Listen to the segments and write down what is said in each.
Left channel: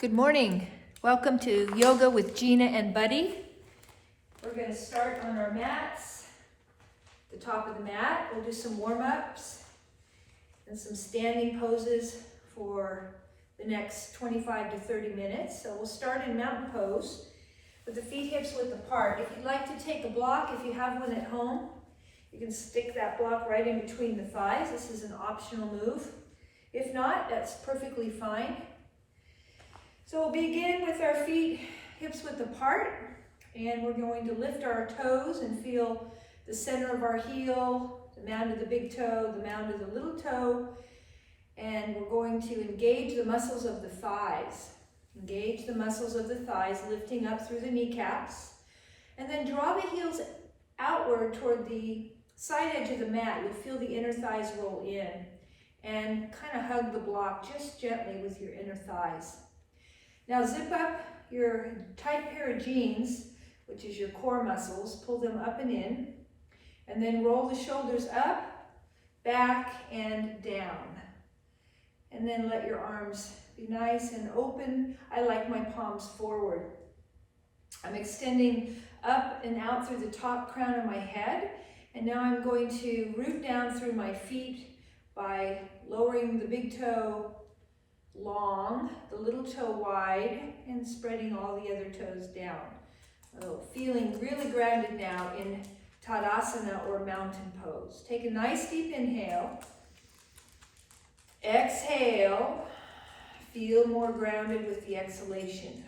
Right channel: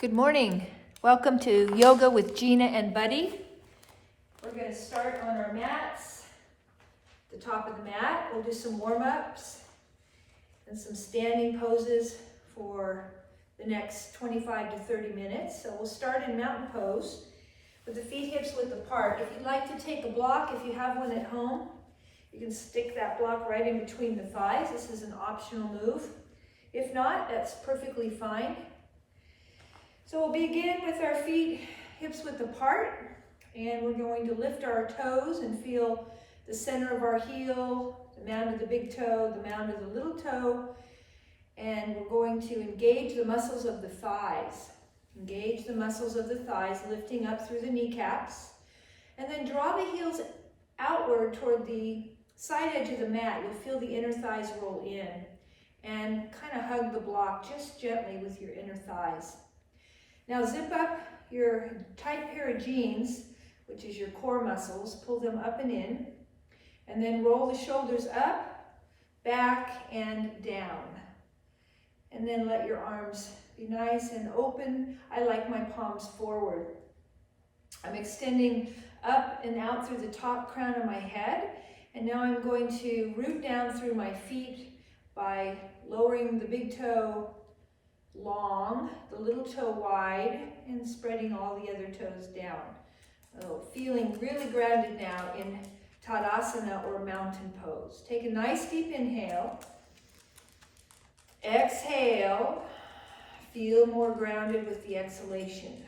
Good morning. Welcome to Yoga with Gina and Buddy. We're going to start on our mats. The top of the mat, we'll do some warm-ups and some standing poses for the next 25 to 30 minutes. So we'll start in mountain pose with the feet hips width apart. If you'd like to take a block, if you have one at home, you can stick that block right in between the thighs. This is an optional move. If not, that's perfectly fine. So we'll begin with our feet hips width apart, and we're going to lift our toes and feel the center of our heel, the mound of the big toe, the mound of the little toe, and we're going to engage the muscles of the thighs. Engage the muscles of the thighs, lifting up through the kneecaps, and then draw the heels outward toward the side edge of the mat. You'll feel the inner thighs roll in, and kind of hug the block just gently with your inner thighs. Now zip up your tight pair of jeans, which is your core muscles, pull them up and in, and then roll the shoulders up, back, and down. And then let your arms be nice and open. I like my palms forward. I'm extending up and out through the top crown of my head, and now I'm going to root down through my feet by lowering the big toe long, the little toe wide, and spreading all the other toes down. Oh, feeling really grounded now in Tadasana or mountain pose. Take a nice deep inhale. Exhale. Feel more grounded with the exhalation.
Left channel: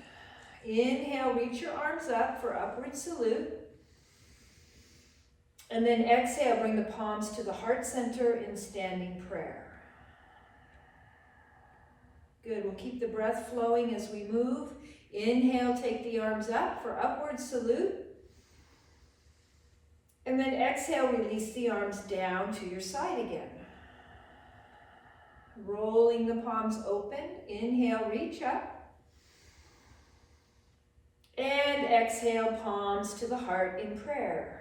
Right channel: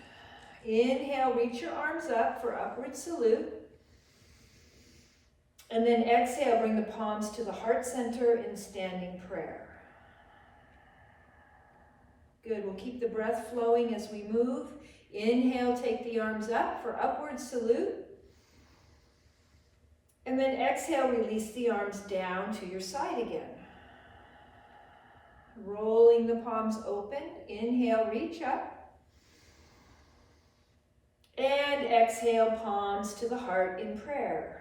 Inhale, reach your arms up for upward salute. And then exhale, bring the palms to the heart center in standing prayer. Good, we'll keep the breath flowing as we move. Inhale, take the arms up for upward salute. And then exhale, release the arms down to your side again. Rolling the palms open. Inhale, reach up. And exhale, palms to the heart in prayer.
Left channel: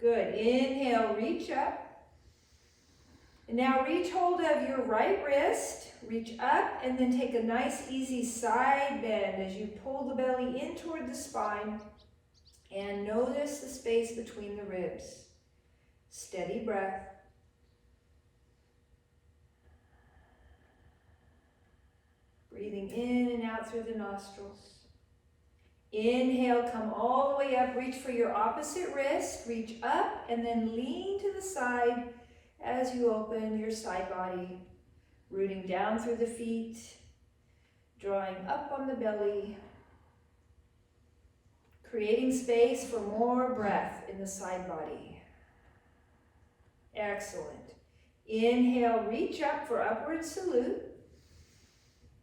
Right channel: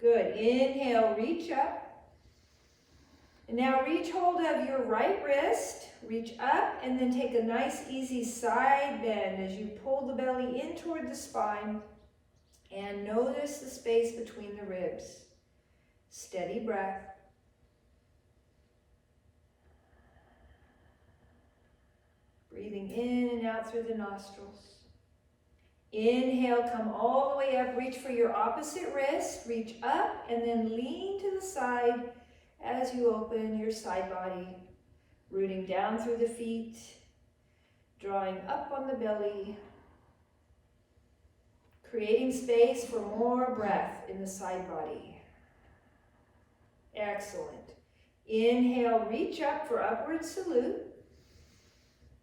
Good, inhale, reach up. And now reach hold of your right wrist, reach up, and then take a nice easy side bend as you pull the belly in toward the spine and notice the space between the ribs. Steady breath. Breathing in and out through the nostrils. Inhale, come all the way up, reach for your opposite wrist, reach up, and then lean to the side as you open your side body, rooting down through the feet, drawing up on the belly, creating space for more breath in the side body. Excellent. Inhale, reach up for upward salute.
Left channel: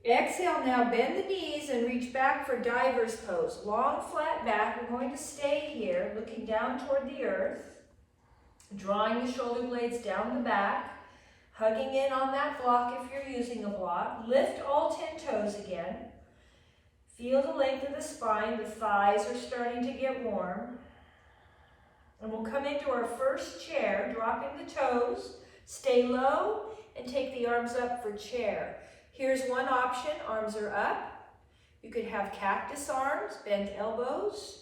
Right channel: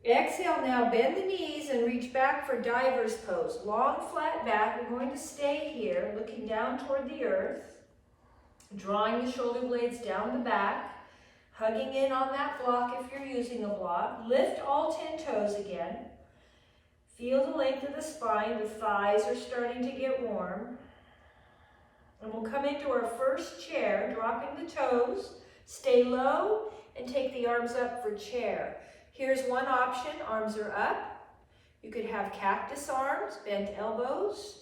Exhale, now bend the knees and reach back for diver's pose. Long, flat back. We're going to stay here, looking down toward the earth. Drawing the shoulder blades down the back, hugging in on that block if you're using a block. Lift all 10 toes again. Feel the length of the spine. The thighs are starting to get warm. And we'll come into our first chair, dropping the toes. Stay low and take the arms up for chair. Here's one option. Arms are up. You could have cactus arms, bent elbows,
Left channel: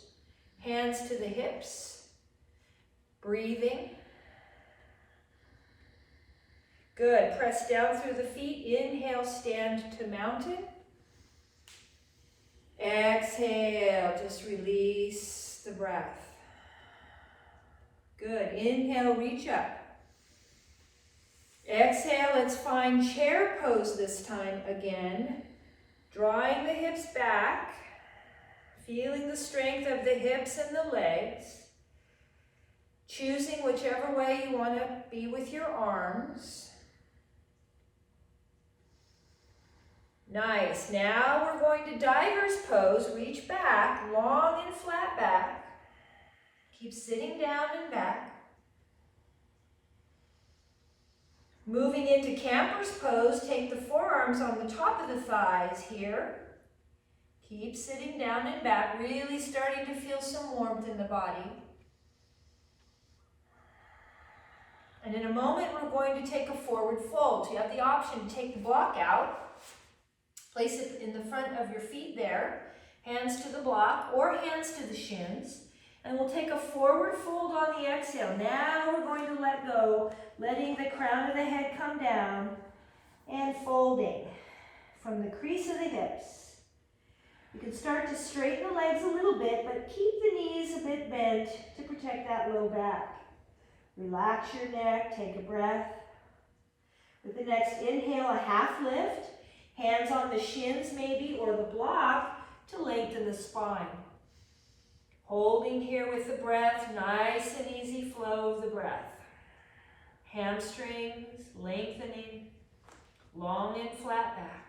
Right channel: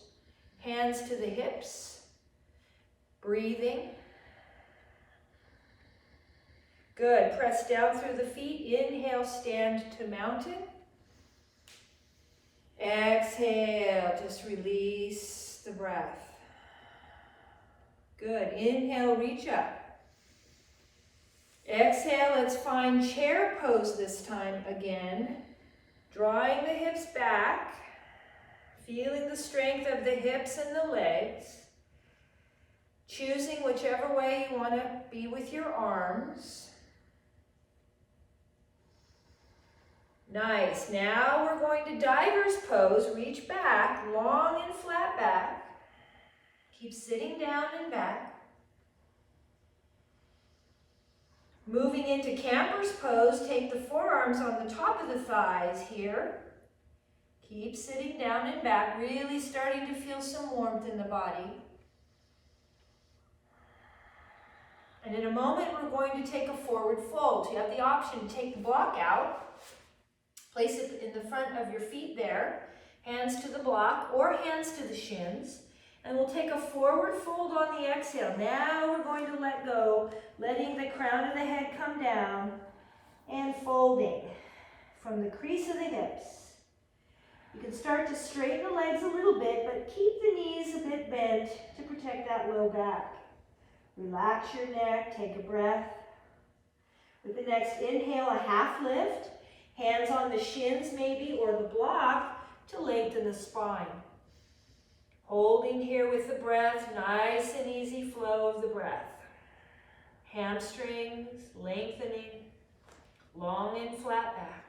hands to the hips. Breathing. Good. Press down through the feet. Inhale, stand to mountain. Exhale, just release the breath. Good. Inhale, reach up. Exhale, let's find chair pose this time again. Drawing the hips back, feeling the strength of the hips and the legs. Choosing whichever way you want to be with your arms. Nice. Now we're going to diver's pose. Reach back, long and flat back. Keep sitting down and back. Moving into camper's pose, take the forearms on the top of the thighs here. Keep sitting down and back, really starting to feel some warmth in the body. And in a moment, we're going to take a forward fold. So you have the option to take the block out Place it in the front of your feet there, hands to the block or hands to the shins. And we'll take a forward fold on the exhale. Now we're going to let go, letting the crown of the head come down and folding from the crease of the hips. You can start to straighten the legs a little bit, but keep the knees a bit bent to protect that low back. Relax your neck, take a breath. With the next inhale, a half lift. Hands on the shins maybe, or the block to lengthen the spine. Holding here with the breath, nice and easy flow of the breath. Hamstrings lengthening, long and flat back.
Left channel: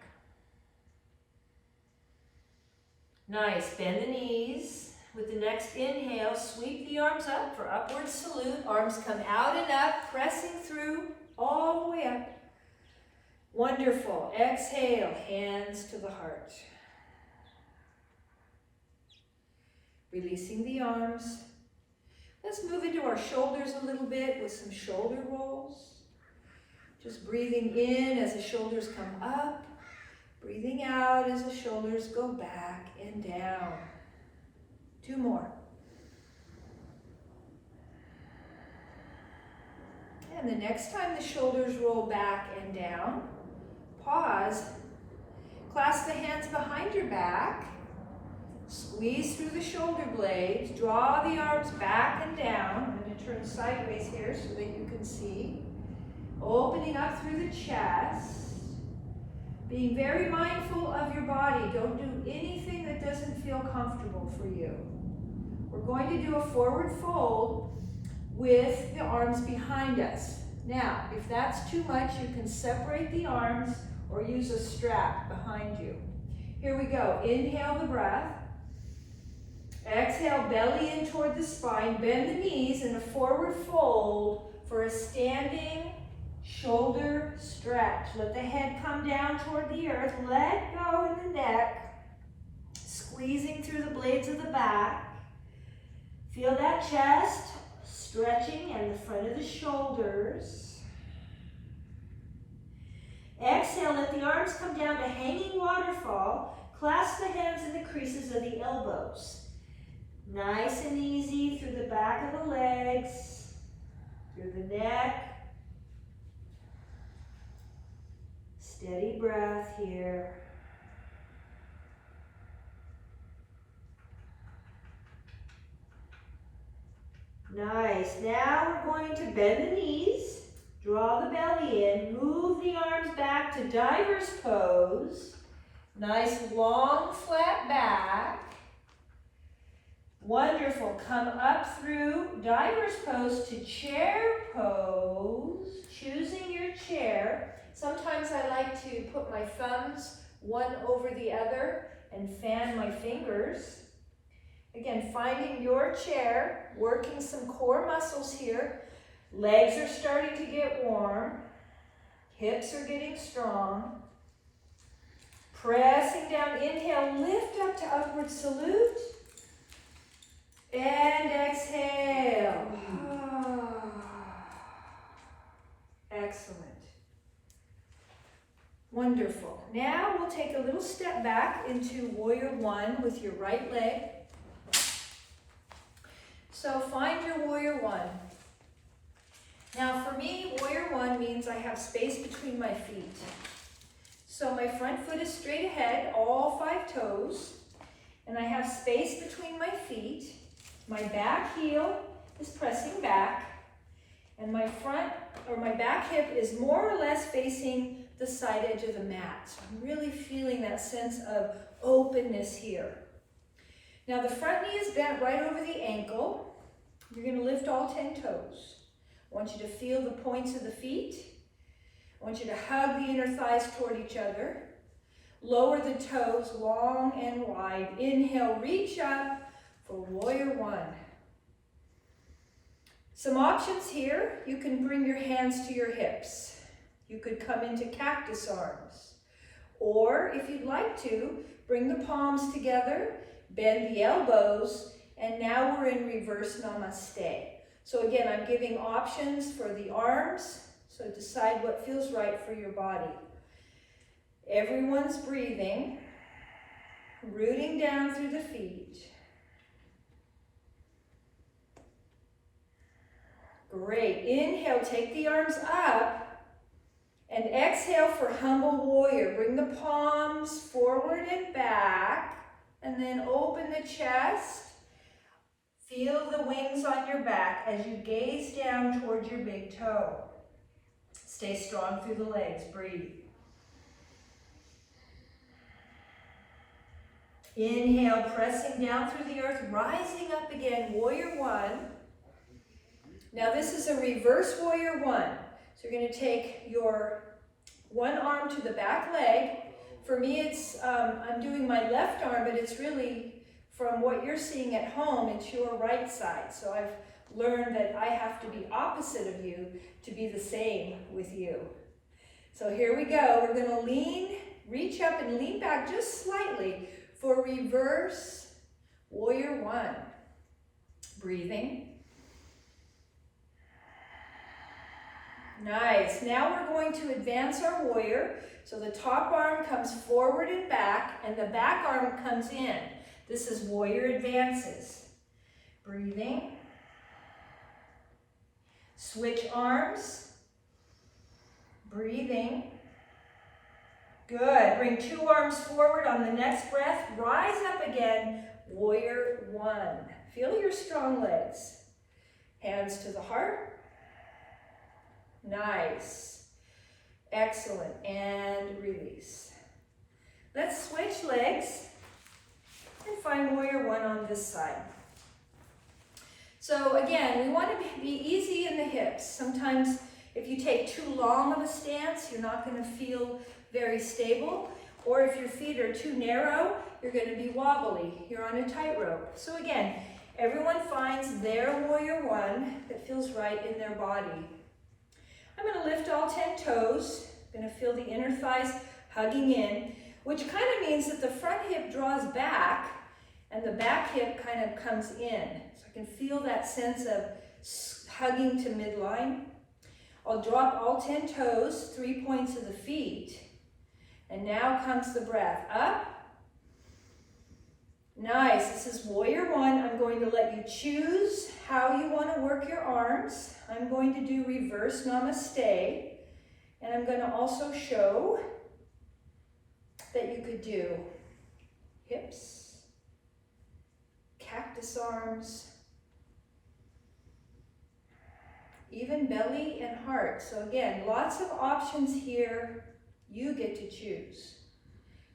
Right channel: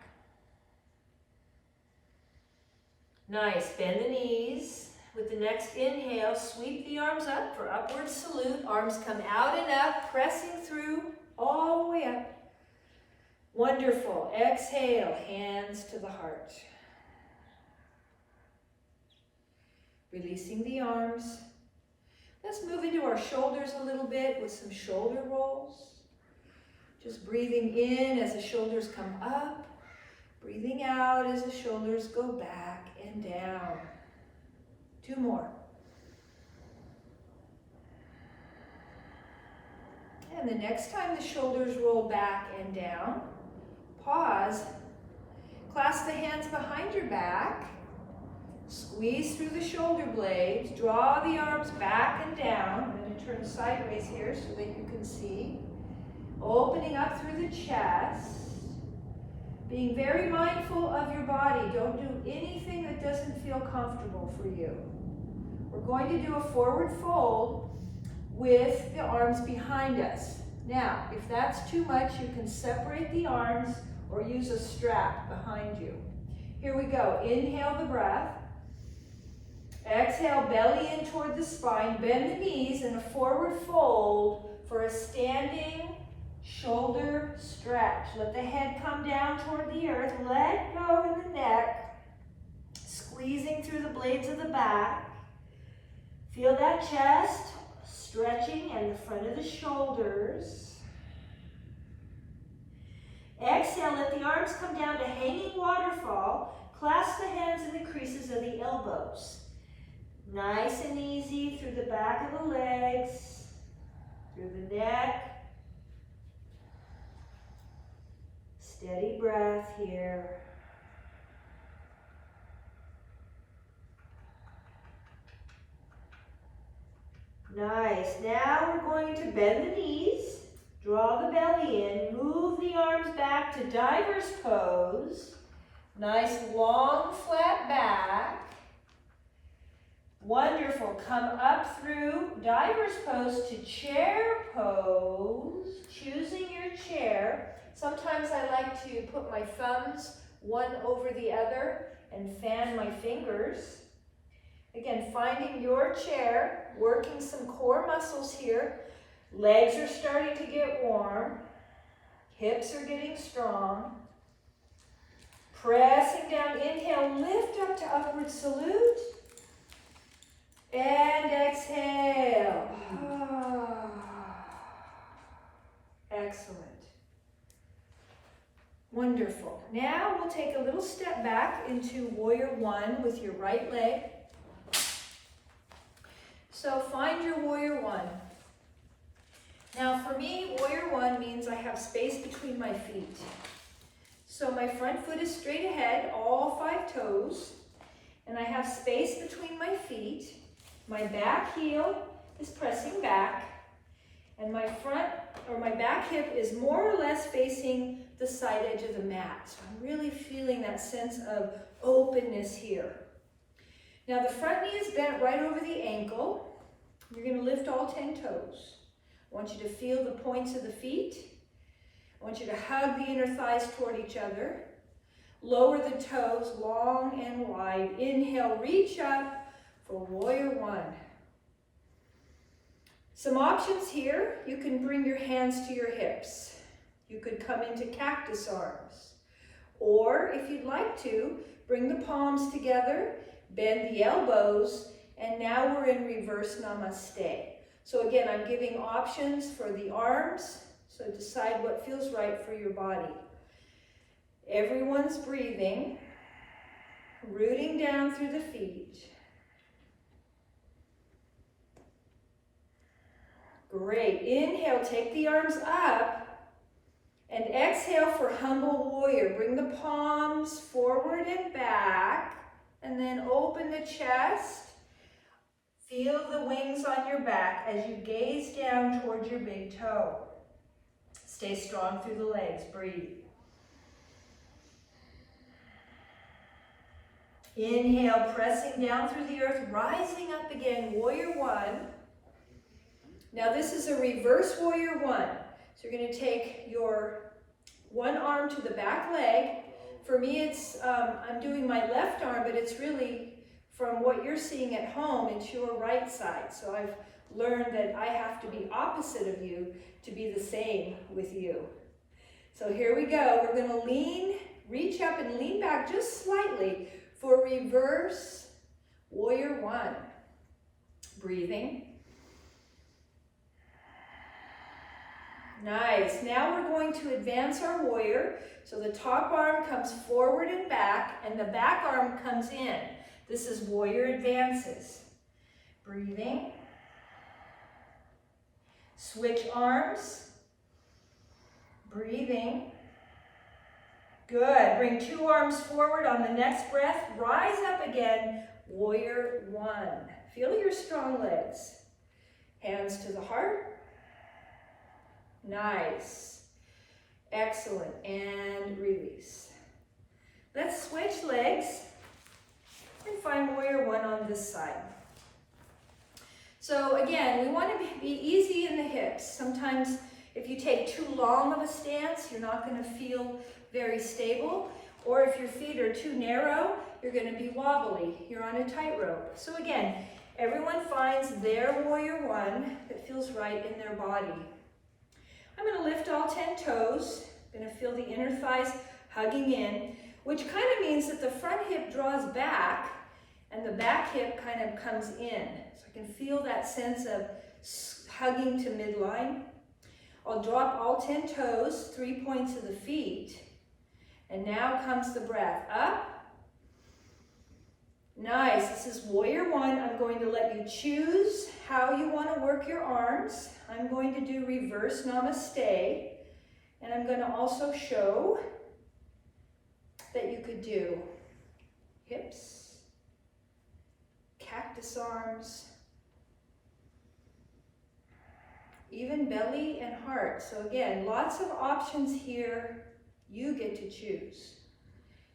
Nice, bend the knees. With the next inhale, sweep the arms up for upward salute. Arms come out and up, pressing through all the way up. Wonderful. Exhale, hands to the heart. Releasing the arms. Let's move into our shoulders a little bit with some shoulder rolls. Just breathing in as the shoulders come up. Breathing out as the shoulders go back and down. 2 more. And the next time the shoulders roll back and down, pause. Clasp the hands behind your back. Squeeze through the shoulder blades. Draw the arms back and down. I'm going to turn sideways here so that you can see. Opening up through the chest. Being very mindful of your body. Don't do anything that doesn't feel comfortable for you. We're going to do a forward fold with the arms behind us. Now, if that's too much, you can separate the arms or use a strap behind you. Here we go. Inhale the breath. Exhale, belly in toward the spine. Bend the knees in a forward fold for a standing shoulder stretch. Let the head come down toward the earth. Let go in the neck. Squeezing through the blades of the back. Feel that chest stretching and the front of the shoulders. Exhale, let the arms come down to hanging waterfall. Clasp the hands in the creases of the elbows. Nice and easy through the back of the legs, through the neck. Steady breath here. Nice. Now we're going to bend the knees, draw the belly in, move the arms back to diver's pose. Nice long flat back. Wonderful. Come up through diver's pose to chair pose. Choosing your chair. Sometimes I like to put my thumbs one over the other and fan my fingers. Again, finding your chair, working some core muscles here. Legs are starting to get warm. Hips are getting strong. Pressing down, inhale, lift up to upward salute. And exhale. Excellent. Wonderful. Now we'll take a little step back into warrior one with your right leg. So find your warrior one. Now for me, warrior one means I have space between my feet. So my front foot is straight ahead, all 5 toes, and I have space between my feet. My back heel is pressing back, and my back hip is more or less facing the side edge of the mat. So I'm really feeling that sense of openness here. Now the front knee is bent right over the ankle. You're going to lift all 10 toes. I want you to feel the points of the feet. I want you to hug the inner thighs toward each other. Lower the toes long and wide. Inhale, reach up for warrior one. Some options here. You can bring your hands to your hips. You could come into cactus arms. Or if you'd like to, bring the palms together, bend the elbows, and now we're in reverse namaste. So again, I'm giving options for the arms, so decide what feels right for your body. Everyone's breathing, rooting down through the feet. Great. Inhale, take the arms up. And exhale for humble warrior. Bring the palms forward and back. And then open the chest. Feel the wings on your back as you gaze down towards your big toe. Stay strong through the legs. Breathe. Inhale, pressing down through the earth, rising up again, warrior one. Now this is a reverse warrior one. So you're going to take your one arm to the back leg. For me, it's I'm doing my left arm, but it's really from what you're seeing at home, it's your right side. So I've learned that I have to be opposite of you to be the same with you. So here we go. We're going to lean, reach up and lean back just slightly for reverse warrior one. Breathing. Nice. Now we're going to advance our warrior. So the top arm comes forward and back, and the back arm comes in. This is warrior advances. Breathing. Switch arms. Breathing. Good. Bring two arms forward on the next breath. Rise up again. Warrior one. Feel your strong legs. Hands to the heart. Nice. Excellent. And release. Let's switch legs and find warrior one on this side. So again, we want to be easy in the hips. Sometimes if you take too long of a stance, you're not going to feel very stable. Or if your feet are too narrow, you're going to be wobbly. You're on a tightrope. So again, everyone finds their warrior one that feels right in their body. I'm going to lift all 10 toes. I'm going to feel the inner thighs hugging in, which kind of means that the front hip draws back and the back hip kind of comes in. So I can feel that sense of hugging to midline. I'll drop all 10 toes, 3 points of the feet. And now comes the breath. Up. Nice. This is warrior one. I'm going to let you choose how you want to work your arms. I'm going to do reverse namaste. And I'm going to also show that you could do hips, cactus arms, even belly and heart. So again, lots of options here. You get to choose.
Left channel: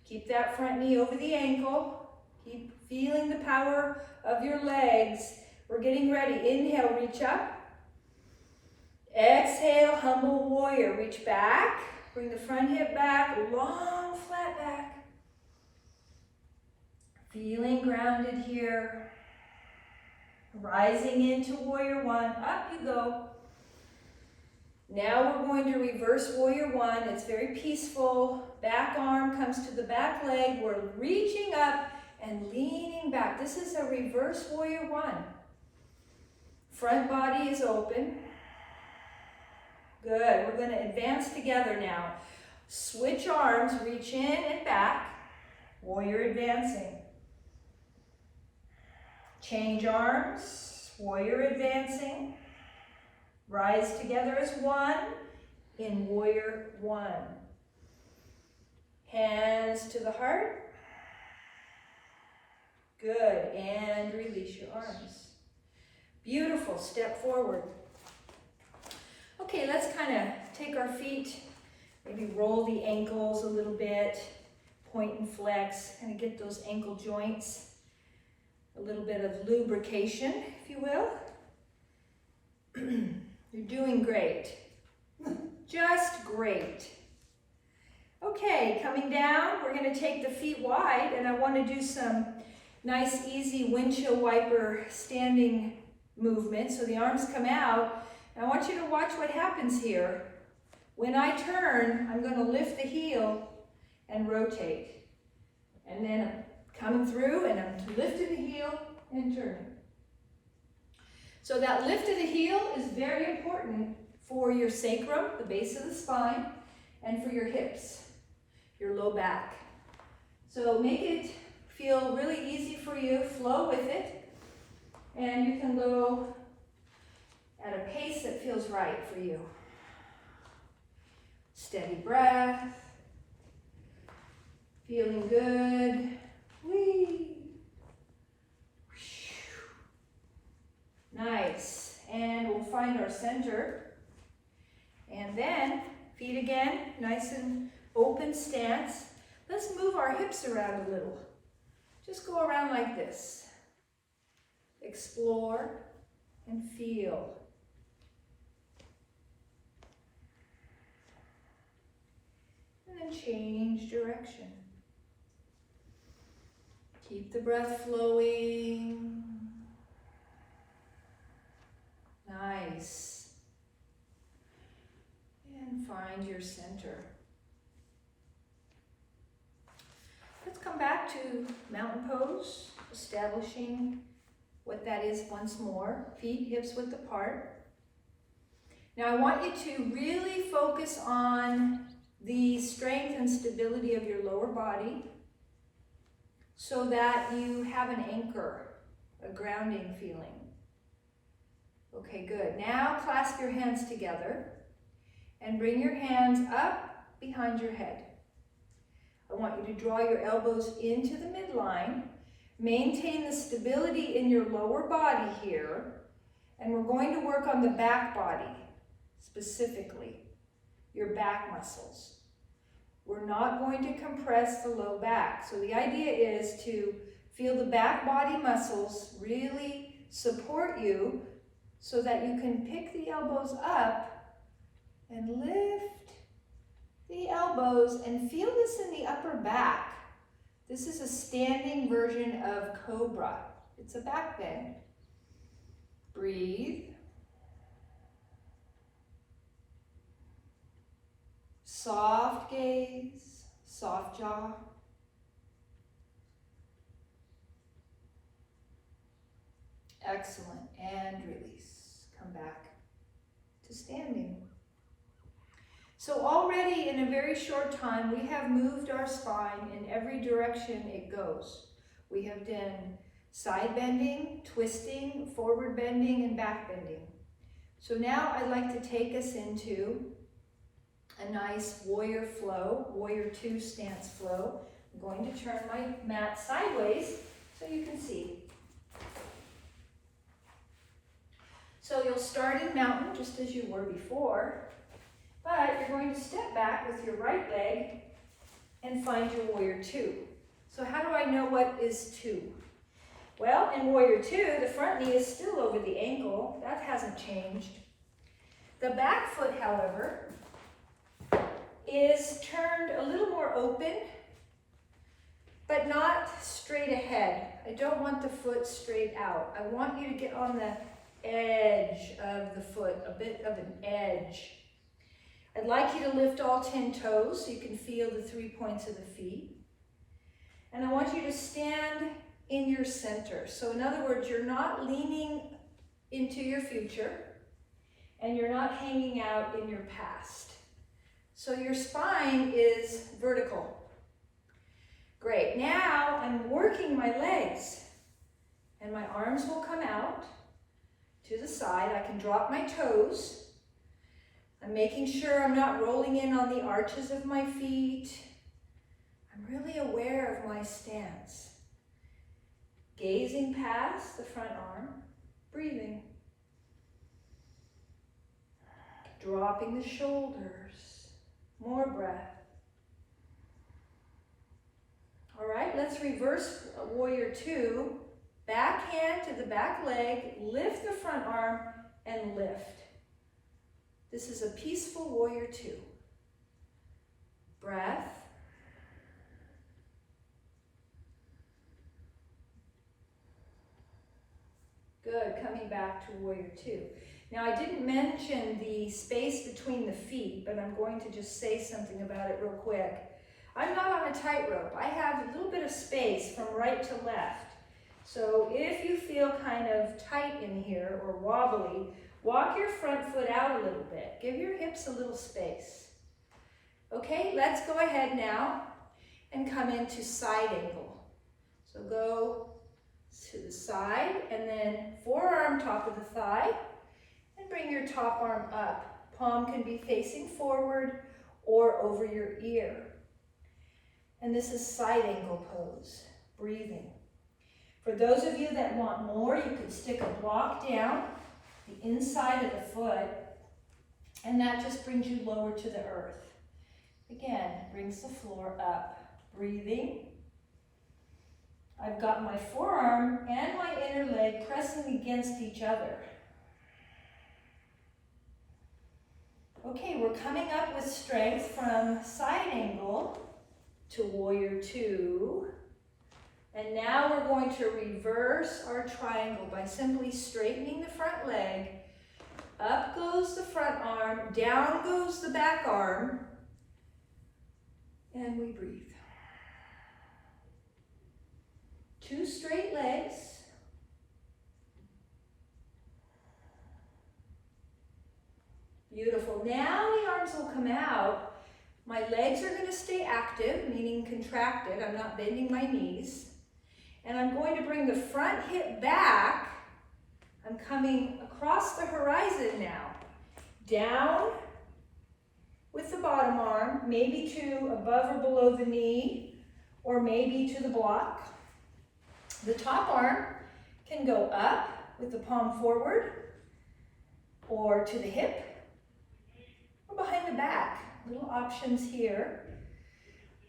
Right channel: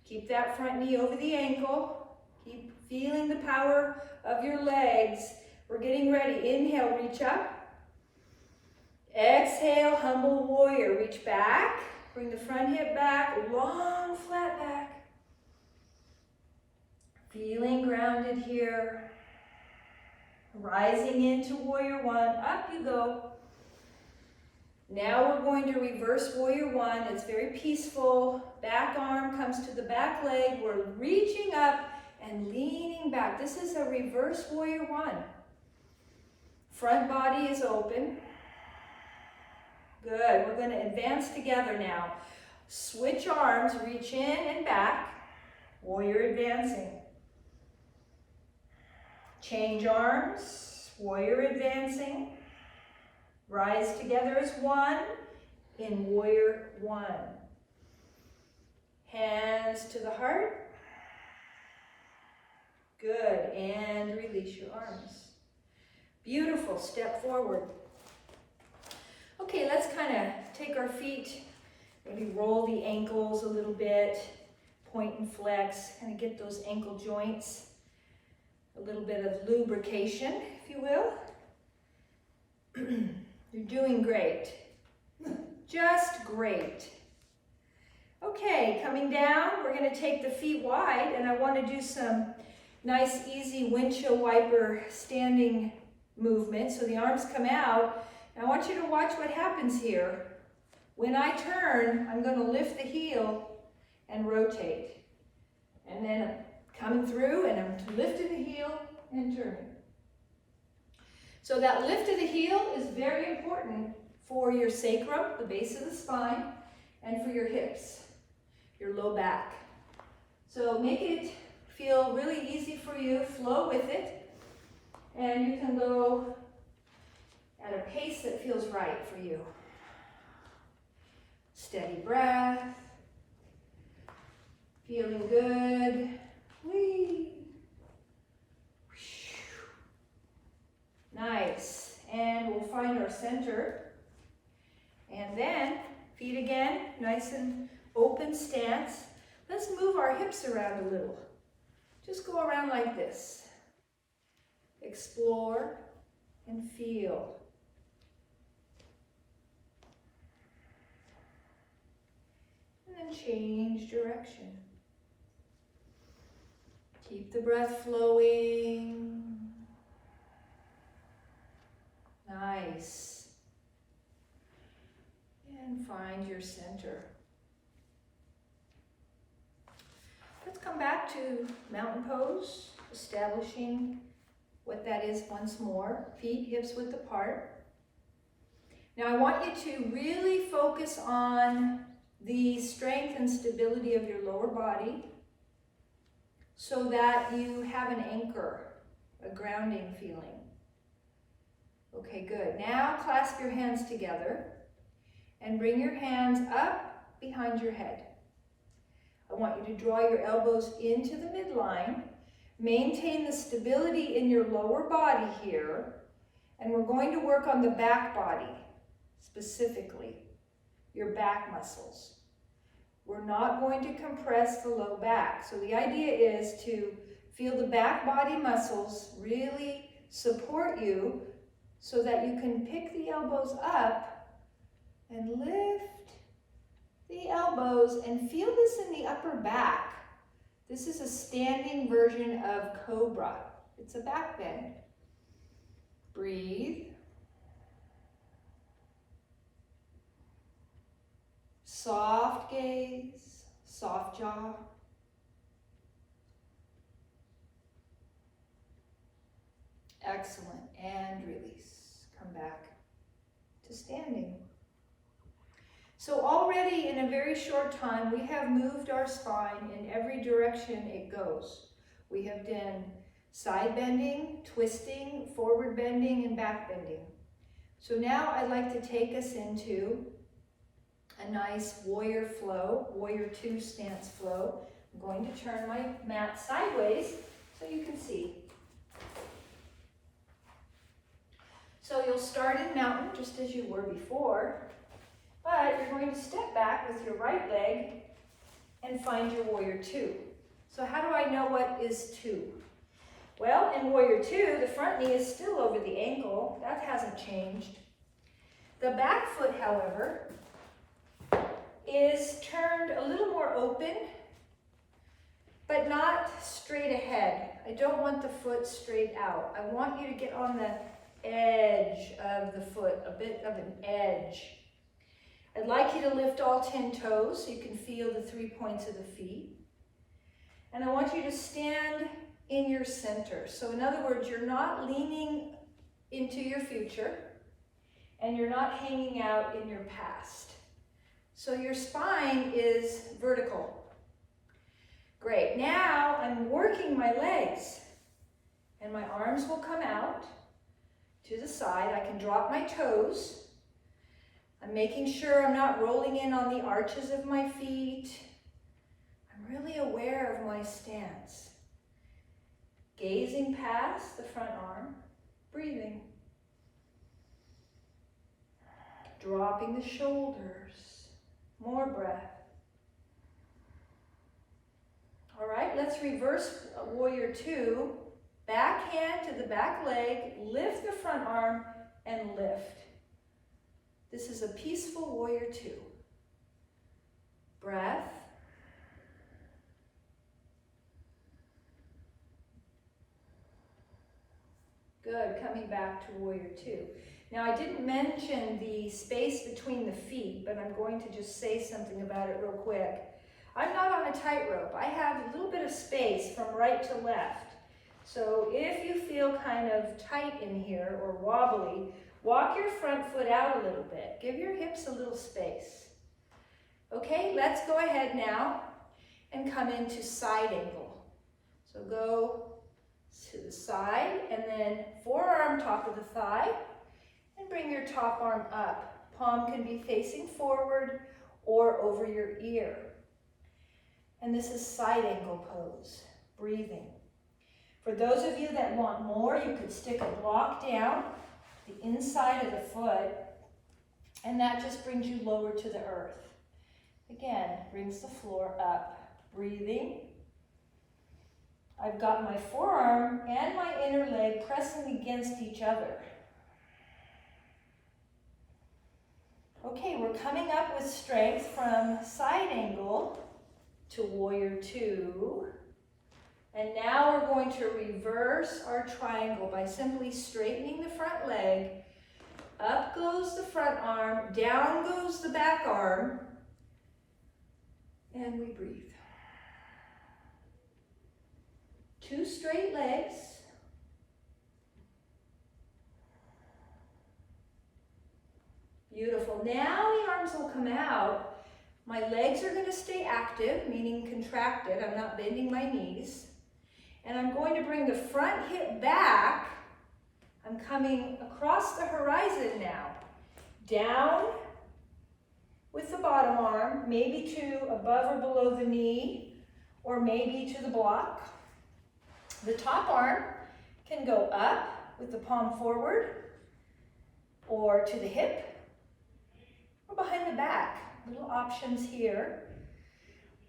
Keep that front knee over the ankle. Keep feeling the power of your legs. We're getting ready. Inhale, reach up. Exhale, humble warrior. Reach back. Bring the front hip back. Long, flat back. Feeling grounded here. Rising into warrior one. Up you go. Now we're going to reverse warrior one. It's very peaceful. Back arm comes to the back leg. We're reaching up and leaning back. This is a reverse warrior one. Front body is open. Good. We're going to advance together now. Switch arms, reach in and back. Warrior advancing. Change arms. Warrior advancing. Rise together as one in warrior one. Hands to the heart. Good, and release your arms. Beautiful, step forward. Okay, let's kind of take our feet, maybe roll the ankles a little bit, point and flex, kind of get those ankle joints, a little bit of lubrication, if you will. You're doing great. Just great. Okay, coming down, we're going to take the feet wide, and I want to do some nice, easy windshield wiper standing movement. So the arms come out. And I want you to watch what happens here. When I turn, I'm going to lift the heel and rotate. And then I'm coming through, and I'm lifting the heel and turning. So that lift of the heel is very important for your sacrum, the base of the spine, and for your hips. your low back. So make it feel really easy for you, flow with it, and you can go at a pace that feels right for you. Steady breath, feeling good. Whee. Nice, and we'll find our center. And then, feet again, nice and open stance. Let's move our hips around a little. Just go around like this. Explore and feel. And then change direction. Keep the breath flowing. Nice. And find your center. Let's come back to mountain pose, establishing what that is once more. Feet, hips width apart. Now I want you to really focus on the strength and stability of your lower body so that you have an anchor, a grounding feeling. Okay, good. Now clasp your hands together and bring your hands up behind your head. I want you to draw your elbows into the midline. Maintain the stability in your lower body here, and we're going to work on the back body, specifically, your back muscles. We're not going to compress the low back. So the idea is to feel the back body muscles really support you so that you can pick the elbows up and lift the elbows and feel this in the upper back. This is a standing version of cobra. It's a back bend. Breathe. Soft gaze, soft jaw. Excellent, and release. Come back to standing. So already in a very short time, we have moved our spine in every direction it goes. We have done side bending, twisting, forward bending, and back bending. So now I'd like to take us into a nice warrior flow, warrior two stance flow. I'm going to turn my mat sideways so you can see. So you'll start in mountain just as you were before, but you're going to step back with your right leg and find your warrior two. So how do I know what is two? Well, in warrior two, the front knee is still over the ankle. That hasn't changed. The back foot, however, is turned a little more open, but not straight ahead. I don't want the foot straight out. I want you to get on the edge of the foot, a bit of an edge. I'd like you to lift all 10 toes so you can feel the 3 points of the feet. And I want you to stand in your center. So in other words, you're not leaning into your future and you're not hanging out in your past. So your spine is vertical. Great. Now I'm working my legs and my arms will come out to the side. I can drop my toes. I'm making sure I'm not rolling in on the arches of my feet. I'm really aware of my stance. Gazing past the front arm, breathing. Dropping the shoulders, more breath. All right, let's reverse warrior two. Back hand to the back leg, lift the front arm and lift. This is a peaceful warrior two. Breath. Good, coming back to warrior two. Now I didn't mention the space between the feet, but I'm going to just say something about it real quick. I'm not on a tightrope. I have a little bit of space from right to left. So if you feel kind of tight in here or wobbly, walk your front foot out a little bit. Give your hips a little space. Okay, let's go ahead now and come into side angle. So go to the side and then forearm top of the thigh and bring your top arm up. Palm can be facing forward or over your ear. And this is side angle pose, breathing. For those of you that want more, you could stick a block down the inside of the foot, and that just brings you lower to the earth. Again, brings the floor up, breathing. I've got my forearm and my inner leg pressing against each other. Okay, we're coming up with strength from side angle to warrior two. And now we're going to reverse our triangle by simply straightening the front leg. Up goes the front arm, down goes the back arm, and we breathe. Two straight legs. Beautiful. Now the arms will come out. My legs are going to stay active, meaning contracted. I'm not bending my knees. And I'm going to bring the front hip back. I'm coming across the horizon now. Down with the bottom arm, maybe to above or below the knee, or maybe to the block. The top arm can go up with the palm forward, or to the hip, or behind the back. Little options here.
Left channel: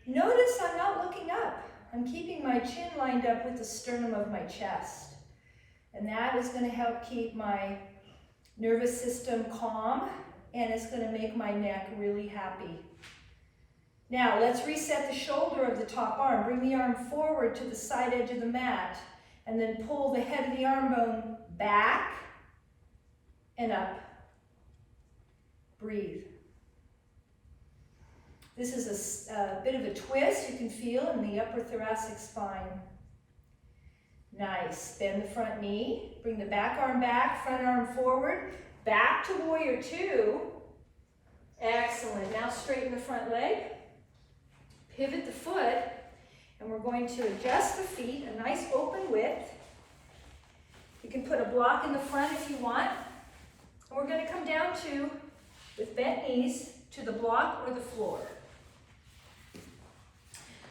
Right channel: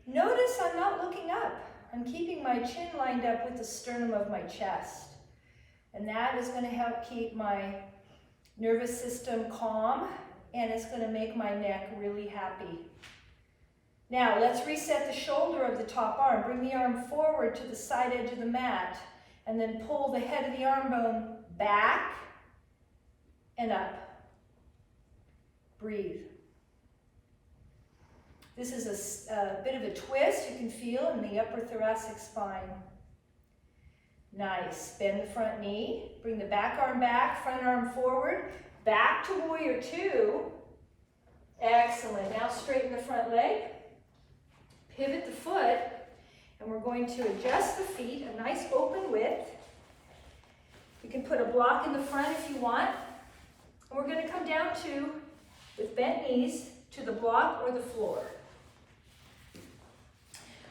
Notice I'm not looking up. I'm keeping my chin lined up with the sternum of my chest. And that is going to help keep my nervous system calm, and it's going to make my neck really happy. Now, let's reset the shoulder of the top arm. Bring the arm forward to the side edge of the mat, and then pull the head of the arm bone back and up. Breathe. This is a bit of a twist you can feel in the upper thoracic spine. Nice. Bend the front knee. Bring the back arm back, front arm forward. Back to warrior two. Excellent. Now straighten the front leg. Pivot the foot. And we're going to adjust the feet, a nice open width. You can put a block in the front if you want. And we're going to come down to, with bent knees, to the block or the floor.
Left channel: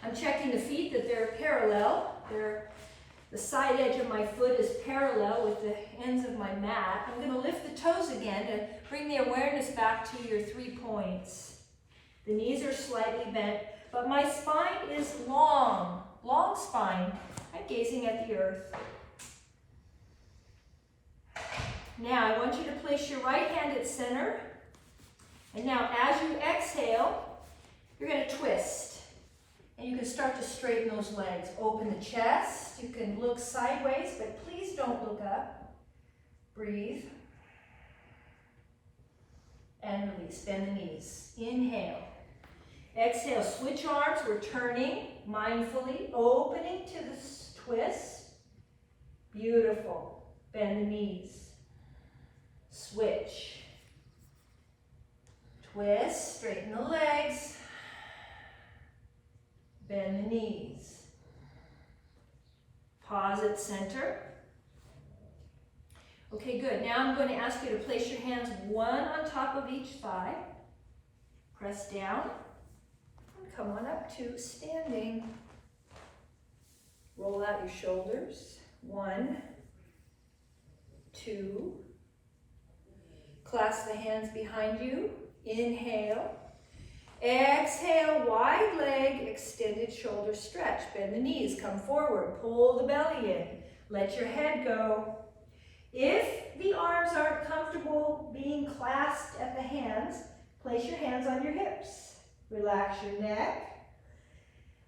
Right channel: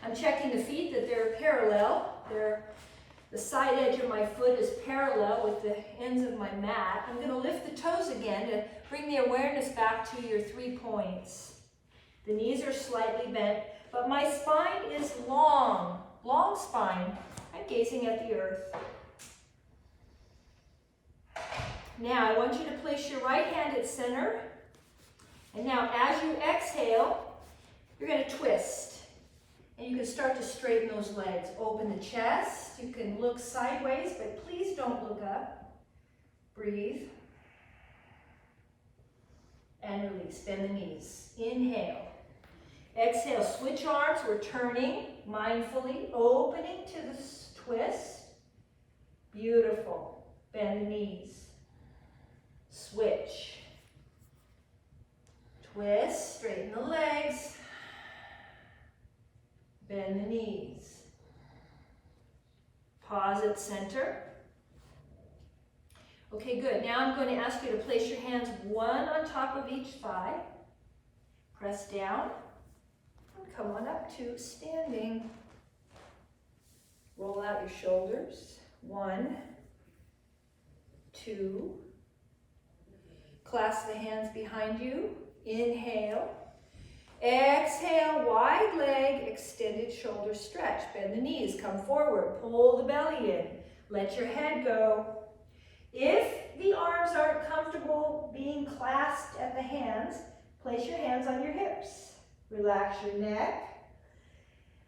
I'm checking the feet that they're parallel. The side edge of my foot is parallel with the ends of my mat. I'm going to lift the toes again to bring the awareness back to your 3 points. The knees are slightly bent, but my spine is long spine. I'm gazing at the earth. Now I want you to place your right hand at center. And now as you exhale, you're going to twist. And you can start to straighten those legs. Open the chest. You can look sideways, but please don't look up. Breathe. And release. Bend the knees. Inhale. Exhale. Switch arms. We're turning mindfully, opening to the twist. Beautiful. Bend the knees. Switch. Twist. Straighten the legs. Bend the knees. Pause at center. Okay, good. Now I'm going to ask you to place your hands one on top of each thigh. Press down. And come on up to standing. Roll out your shoulders. 1, 2. Clasp the hands behind you. Inhale. Exhale, wide leg, extended shoulder stretch. Bend the knees, come forward, pull the belly in. Let your head go. If the arms aren't comfortable being clasped at the hands, place your hands on your hips. Relax your neck.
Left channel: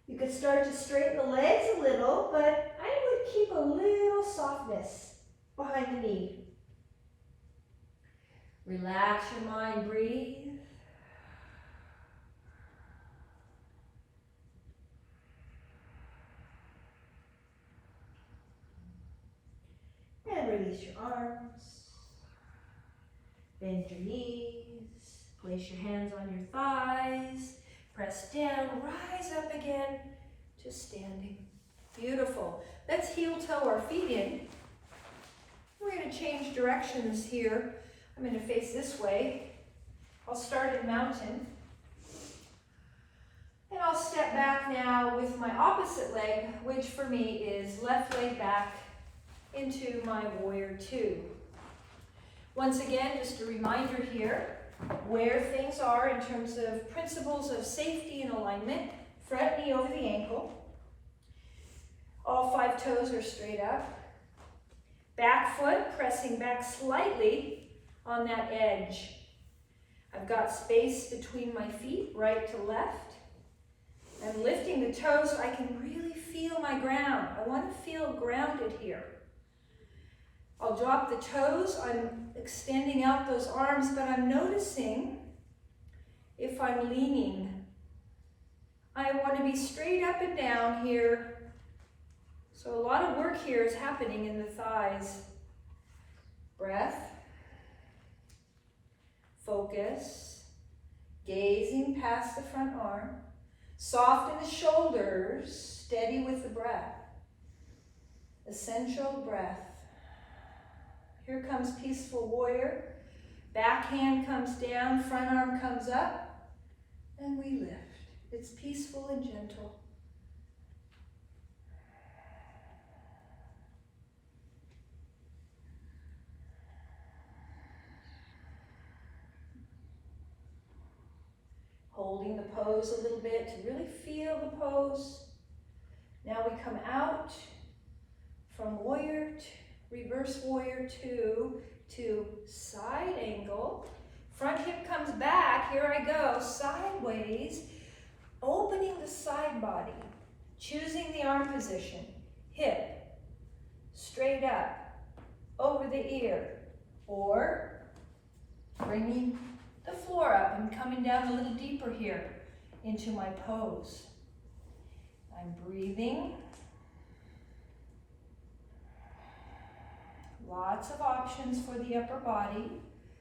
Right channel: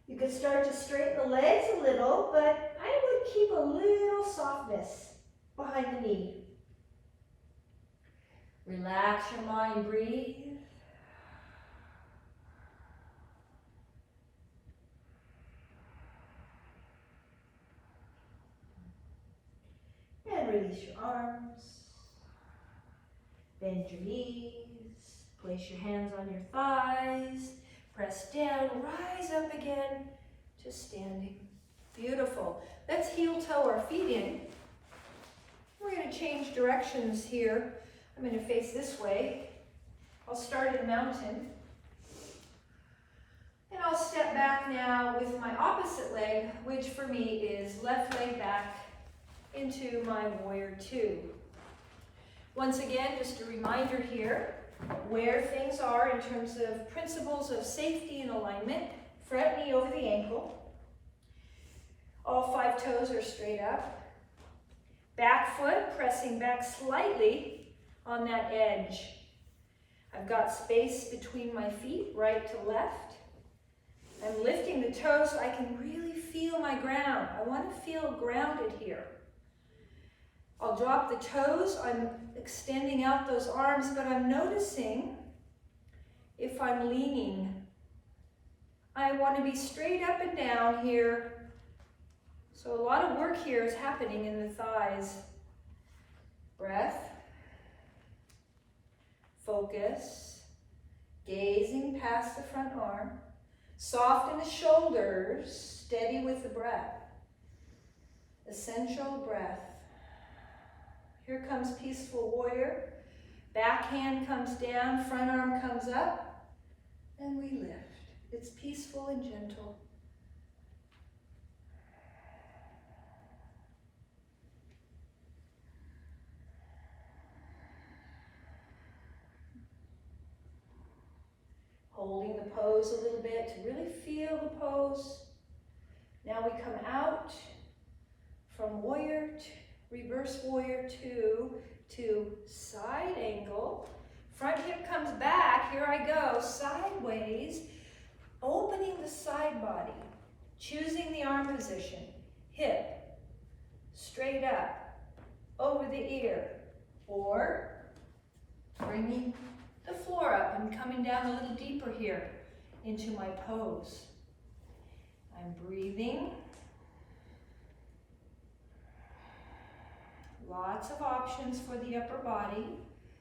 You could start to straighten the legs a little, but I would keep a little softness behind the knee. Relax your mind, breathe. And release your arms. Bend your knees. Place your hands on your thighs. Press down, rise up again to standing. Beautiful. Let's heel toe our feet in. We're going to change directions here. I'm going to face this way. I'll start in mountain. And I'll step back now with my opposite leg, which for me is left leg back into my warrior two. Once again, just a reminder here, where things are in terms of principles of safety and alignment. Front knee over the ankle. All 5 toes are straight up. Back foot pressing back slightly on that edge. I've got space between my feet, right to left. I'm lifting the toes so I can really feel my ground. I want to feel grounded here. I'll drop the toes. I'm extending out those arms, but I'm noticing if I'm leaning. I want to be straight up and down here. So a lot of work here is happening in the thighs. Breath. Focus. Gazing past the front arm. Soften the shoulders. Steady with the breath. Essential breath. Here comes peaceful warrior. Back hand comes down, front arm comes up, and we lift. It's peaceful and gentle. Holding the pose a little bit to really feel the pose. Now we come out from warrior reverse warrior two to side angle. Front hip comes back. Here I go, sideways, opening the side body, choosing the arm position. Hip, straight up, over the ear, or bringing the floor up and coming down a little deeper here into my pose. I'm breathing. Lots of options for the upper body,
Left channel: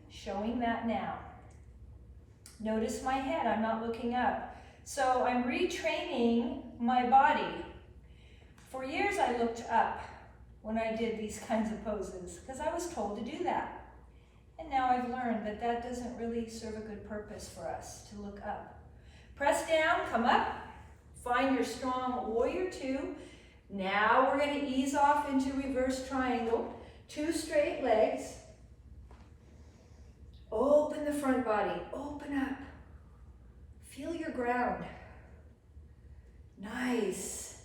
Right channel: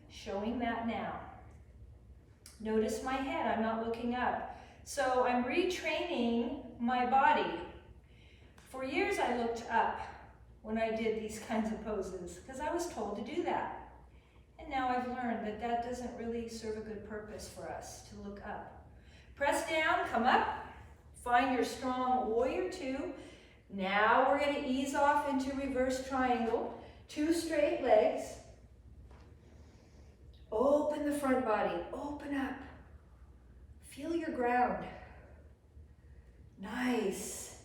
showing that now. Notice my head, I'm not looking up. So I'm retraining my body. For years I looked up when I did these kinds of poses because I was told to do that. And now I've learned that that doesn't really serve a good purpose for us to look up. Press down, come up, find your strong warrior two. Now we're going to ease off into reverse triangle. 2 straight legs. Open the front body, open up. Feel your ground. Nice.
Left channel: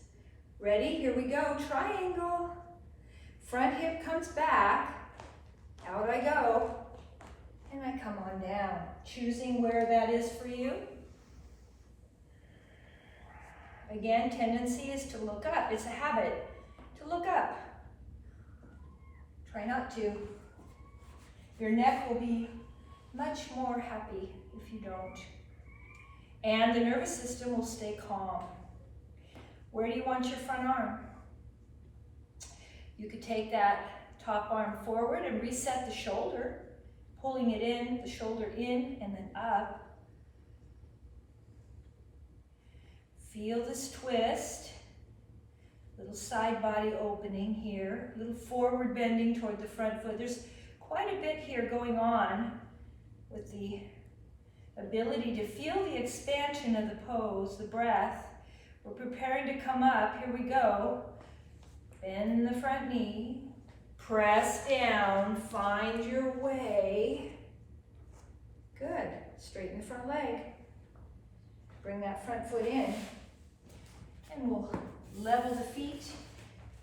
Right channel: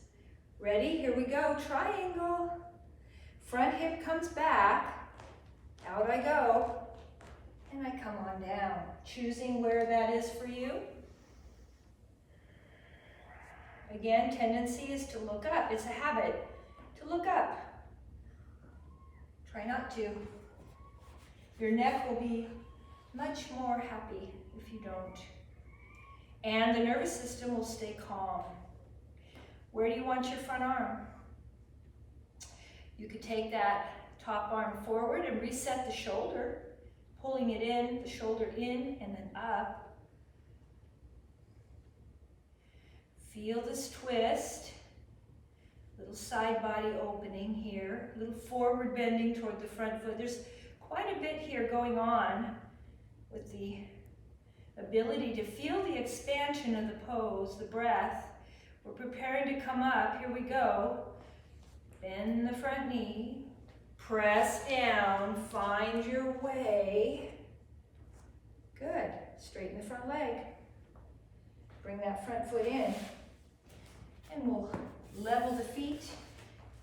Ready? Here we go, triangle. Front hip comes back. Out I go. And I come on down, choosing where that is for you. Again, tendency is to look up. It's a habit to look up. Try not to. Your neck will be much more happy if you don't. And the nervous system will stay calm. Where do you want your front arm? You could take that top arm forward and reset the shoulder, pulling it in, the shoulder in and then up. Feel this twist. Little side body opening here, a little forward bending toward the front foot. There's quite a bit here going on with the ability to feel the expansion of the pose, the breath. We're preparing to come up. Here we go. Bend the front knee. Press down. Find your way. Good. Straighten the front leg. Bring that front foot in. And we'll level the feet,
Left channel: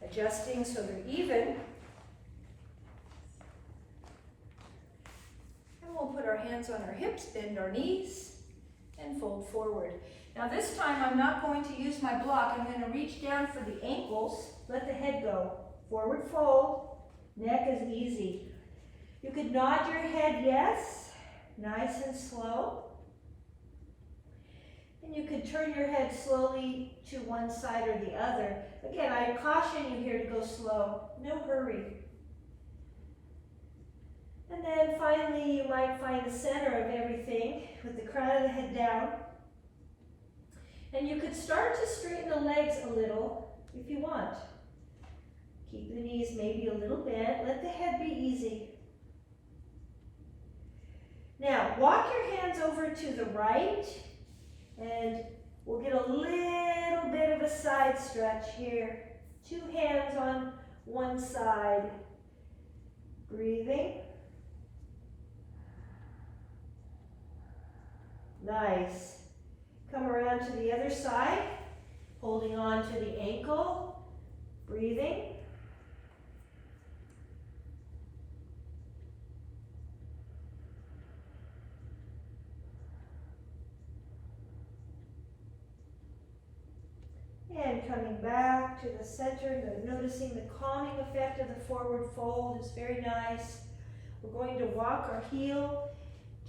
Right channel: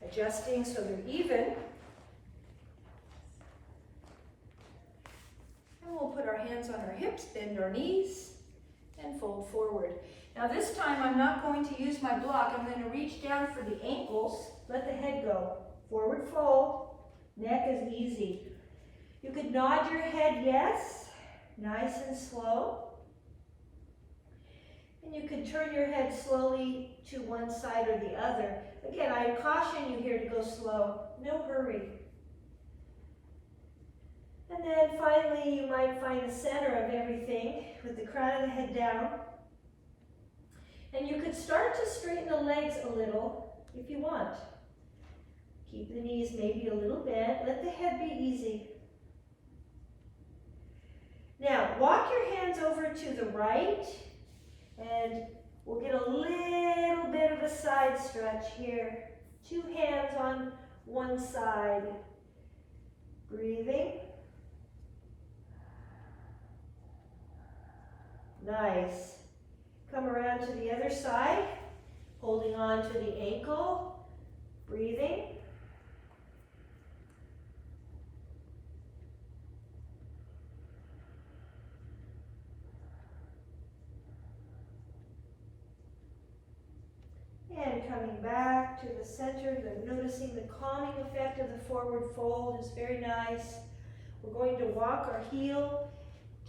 adjusting so they're even. And we'll put our hands on our hips, bend our knees, and fold forward. Now this time I'm not going to use my block. I'm going to reach down for the ankles, let the head go. Forward fold, neck is easy. You could nod your head yes, nice and slow. And you could turn your head slowly to one side or the other. Again, I caution you here to go slow, no hurry. And then finally, you might find the center of everything with the crown of the head down. And you could start to straighten the legs a little if you want. Keep the knees maybe a little bent. Let the head be easy. Now, walk your hands over to the right, and we'll get a little bit of a side stretch here. 2 hands on one side. Breathing. Nice. Come around to the other side, holding on to the ankle. Breathing. And coming back to the center, noticing the calming effect of the forward fold is very nice. We're going to walk our heel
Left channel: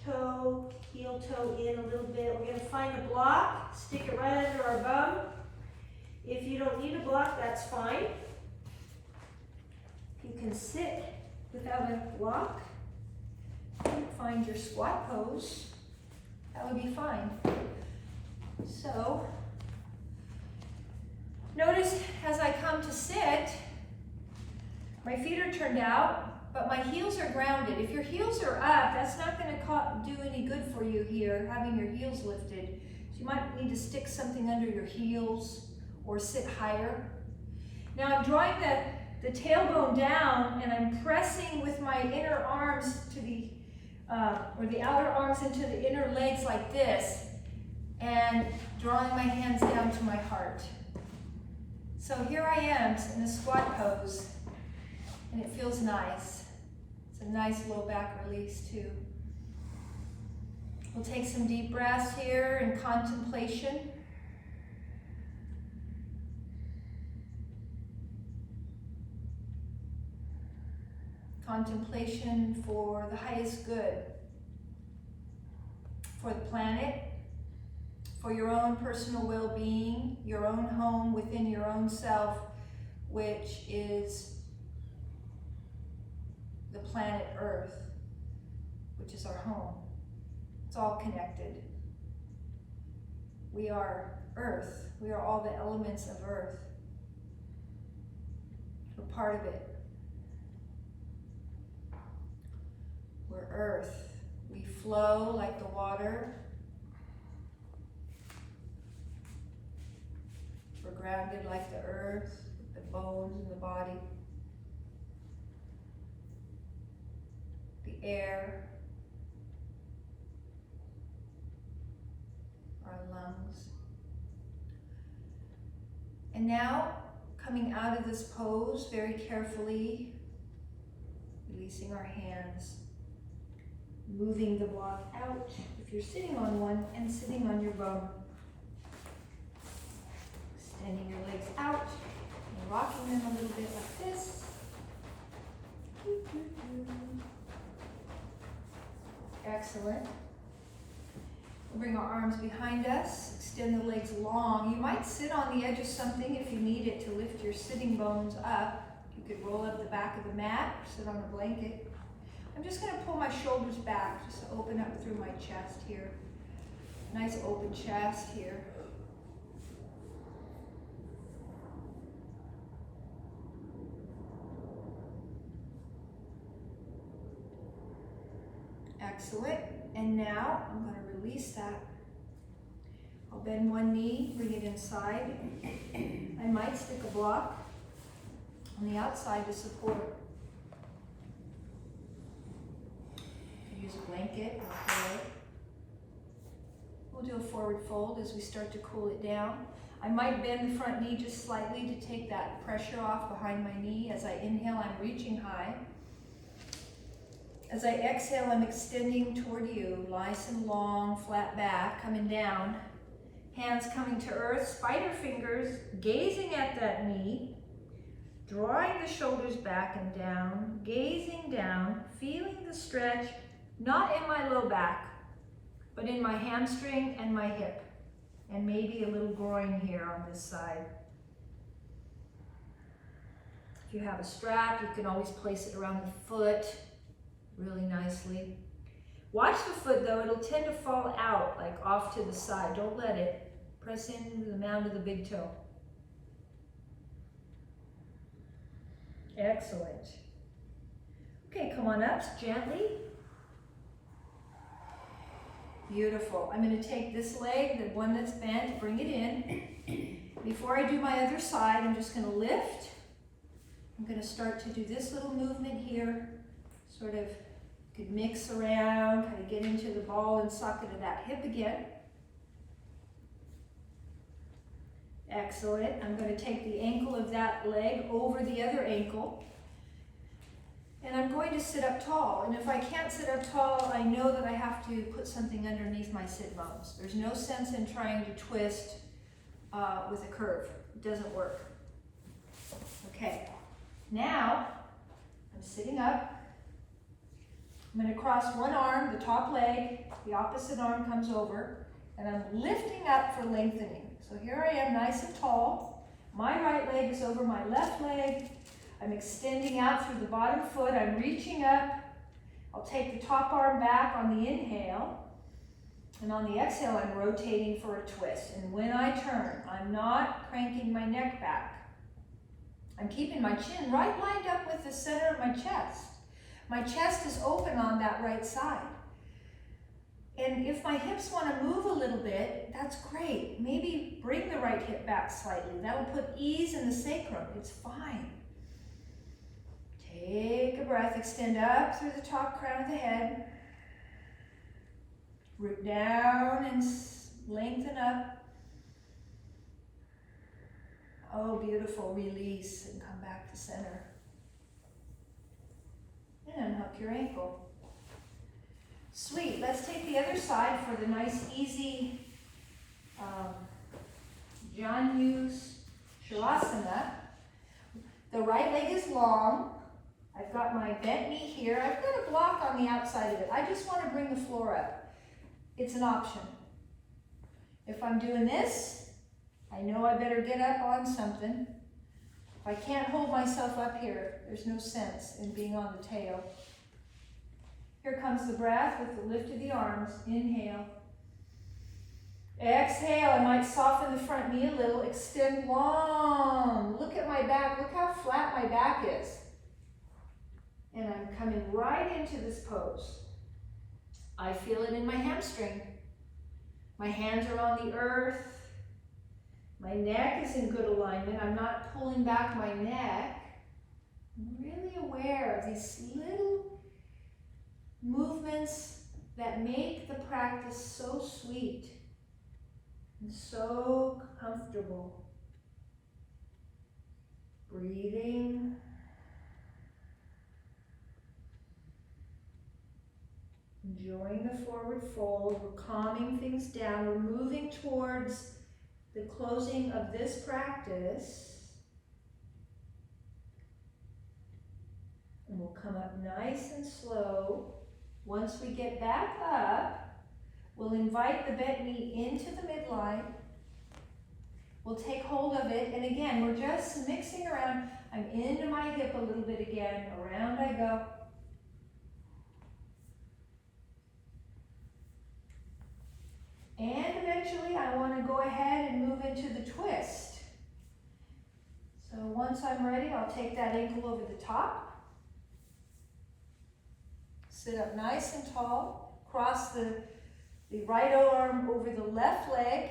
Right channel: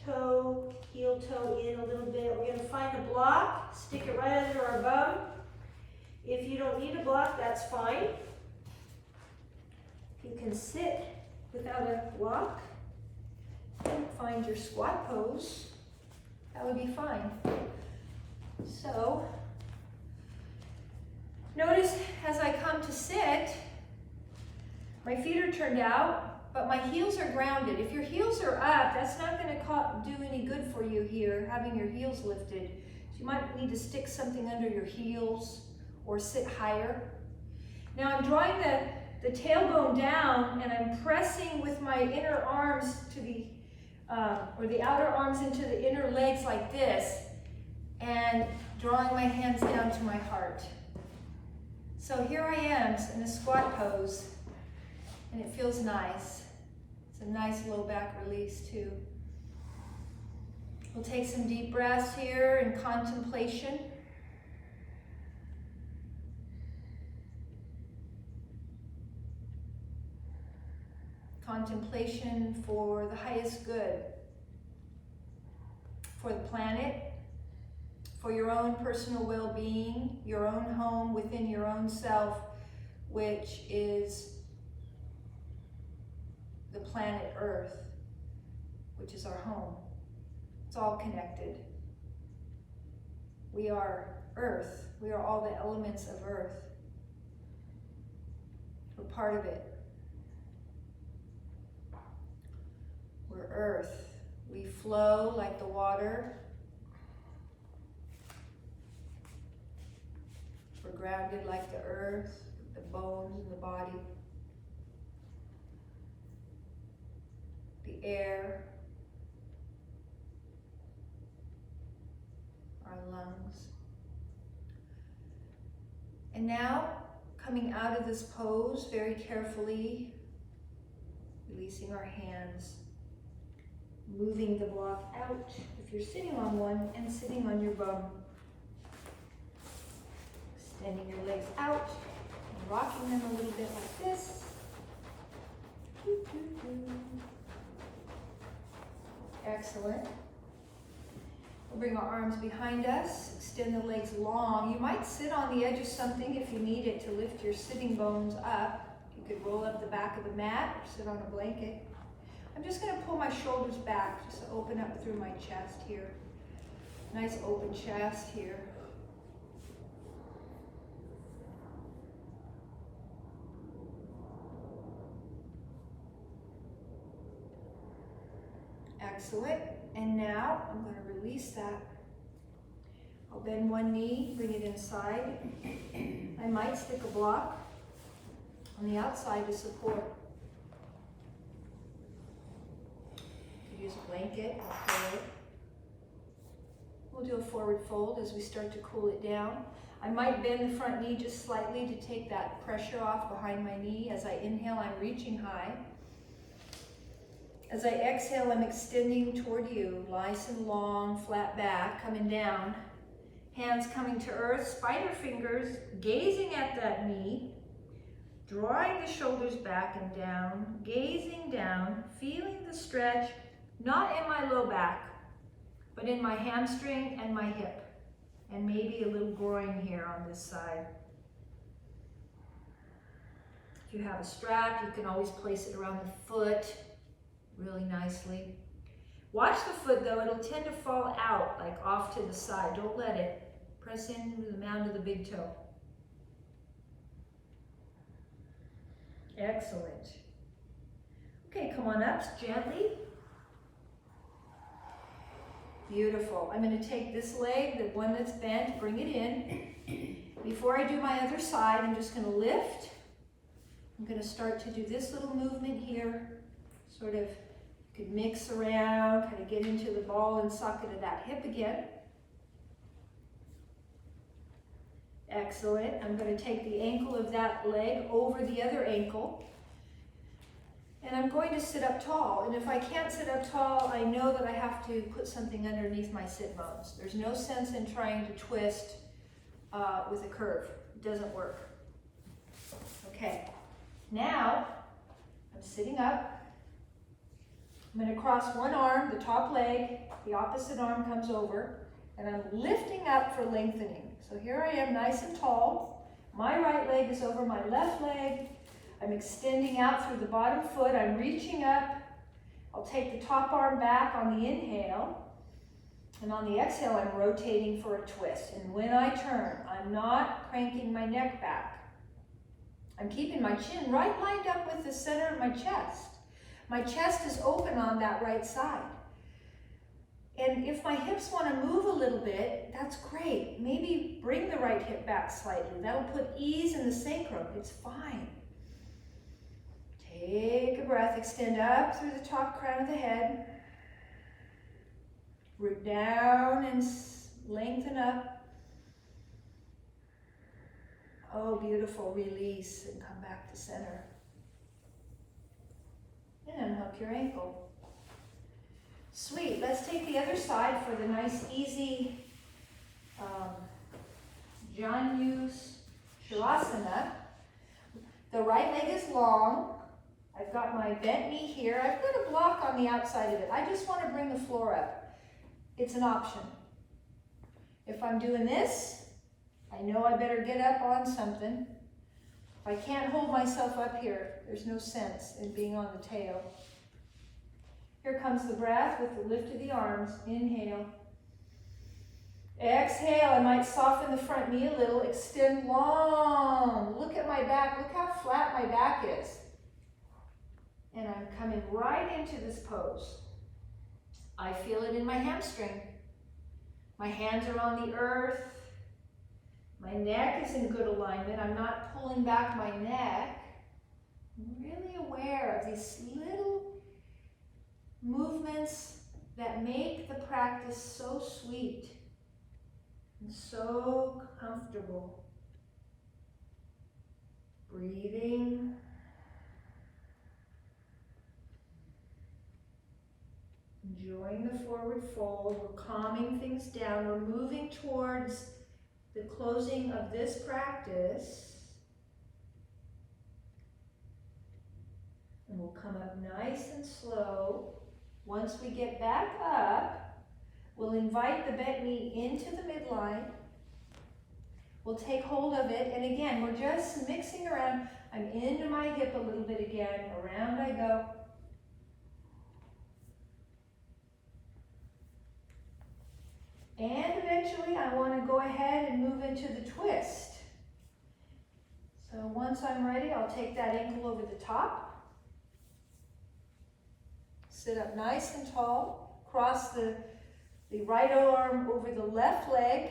toe in a little bit. We're going to find a block, stick it right under our bum. If you don't need a block, that's fine. You can sit without a block. Find your squat pose. That would be fine. So, notice as I come to sit, my feet are turned out, but my heels are grounded. If your heels are up, that's not going to do any good for you here, having your heels lifted. So you might need to stick something under your heels or sit higher. Now I'm drawing the tailbone down, and I'm pressing with my inner arms to the, or the outer arms into the inner legs like this, and drawing my hands down to my heart. So here I am in a squat pose, and it feels nice. It's a nice low back release too. We'll take some deep breaths here in contemplation. Contemplation for the highest good, for the planet, for your own personal well-being, your own home within your own self, which is the planet Earth, which is our home. It's all connected. We are Earth. We are all the elements of Earth. We're part of it. We're Earth. We flow like the water. We're grounded like the earth, the bones in the body, the air, our lungs. And now, coming out of this pose very carefully, releasing our hands, moving the block out if you're sitting on one, and sitting on your bum. Extending your legs out and rocking them a little bit like this. Excellent. We'll bring our arms behind us, extend the legs long. You might sit on the edge of something if you need it to lift your sitting bones up. You could roll up the back of the mat or sit on a blanket. I'm just going to pull my shoulders back, just to open up through my chest here. Nice open chest here. Excellent. And now I'm going to release that. I'll bend one knee, bring it inside. I might stick a block on the outside to support. Use a blanket or pillow. We'll do a forward fold as we start to cool it down. I might bend the front knee just slightly to take that pressure off behind my knee. As I inhale, I'm reaching high. As I exhale, I'm extending toward you, nice and long, flat back, coming down. Hands coming to earth, spider fingers, gazing at that knee, drawing the shoulders back and down, gazing down, feeling the stretch, not in my low back, but in my hamstring and my hip, and maybe a little groin here on this side. If you have a strap, you can always place it around the foot really nicely. Watch the foot though, it'll tend to fall out, like off to the side. Don't let it. Press in with the mound of the big toe. Excellent. Okay, come on up gently. Beautiful. I'm going to take this leg, the one that's bent, bring it in. Before I do my other side, I'm just going to lift. I'm going to start to do this little movement here. Sort of could mix around, kind of get into the ball and socket of that hip again. Excellent. I'm going to take the ankle of that leg over the other ankle. And I'm going to sit up tall. And if I can't sit up tall, I know that I have to put something underneath my sit bones. There's no sense in trying to twist with a curve. It doesn't work. Okay. Now, I'm sitting up. I'm going to cross one arm, the top leg, the opposite arm comes over, and I'm lifting up for lengthening. So here I am, nice and tall. My right leg is over my left leg. I'm extending out through the bottom foot. I'm reaching up. I'll take the top arm back on the inhale. And on the exhale, I'm rotating for a twist. And when I turn, I'm not cranking my neck back. I'm keeping my chin right lined up with the center of my chest. My chest is open on that right side. And if my hips want to move a little bit, that's great. Maybe bring the right hip back slightly. That'll put ease in the sacrum. It's fine. Take a breath, extend up through the top crown of the head. Root down and lengthen up. Oh, beautiful. Release and come back to center. And unhook your ankle. Sweet. Let's take the other side for the nice, easy Janyus Shavasana. The right leg is long. I've got my bent knee here. I've got a block on the outside of it. I just want to bring the floor up. It's an option. If I'm doing this, I know I better get up on something. If I can't hold myself up here, there's no sense in being on the tail. Here comes the breath with the lift of the arms. Inhale. Exhale. I might soften the front knee a little. Extend long. Look at my back. Look how flat my back is. And I'm coming right into this pose. I feel it in my hamstring. My hands are on the earth. My neck is in good alignment. I'm not pulling back my neck. I'm really aware of these little movements that make the practice so sweet and so comfortable. Breathing. Enjoying the forward fold. We're calming things down. We're moving towards the closing of this practice. And we'll come up nice and slow. Once we get back up, we'll invite the bent knee into the midline. We'll take hold of it, and again, we're just mixing around. I'm into my hip a little bit again. Around I go. And eventually I want to go ahead and move into the twist. So once I'm ready, I'll take that ankle over the top. Sit up nice and tall. Cross the right arm over the left leg.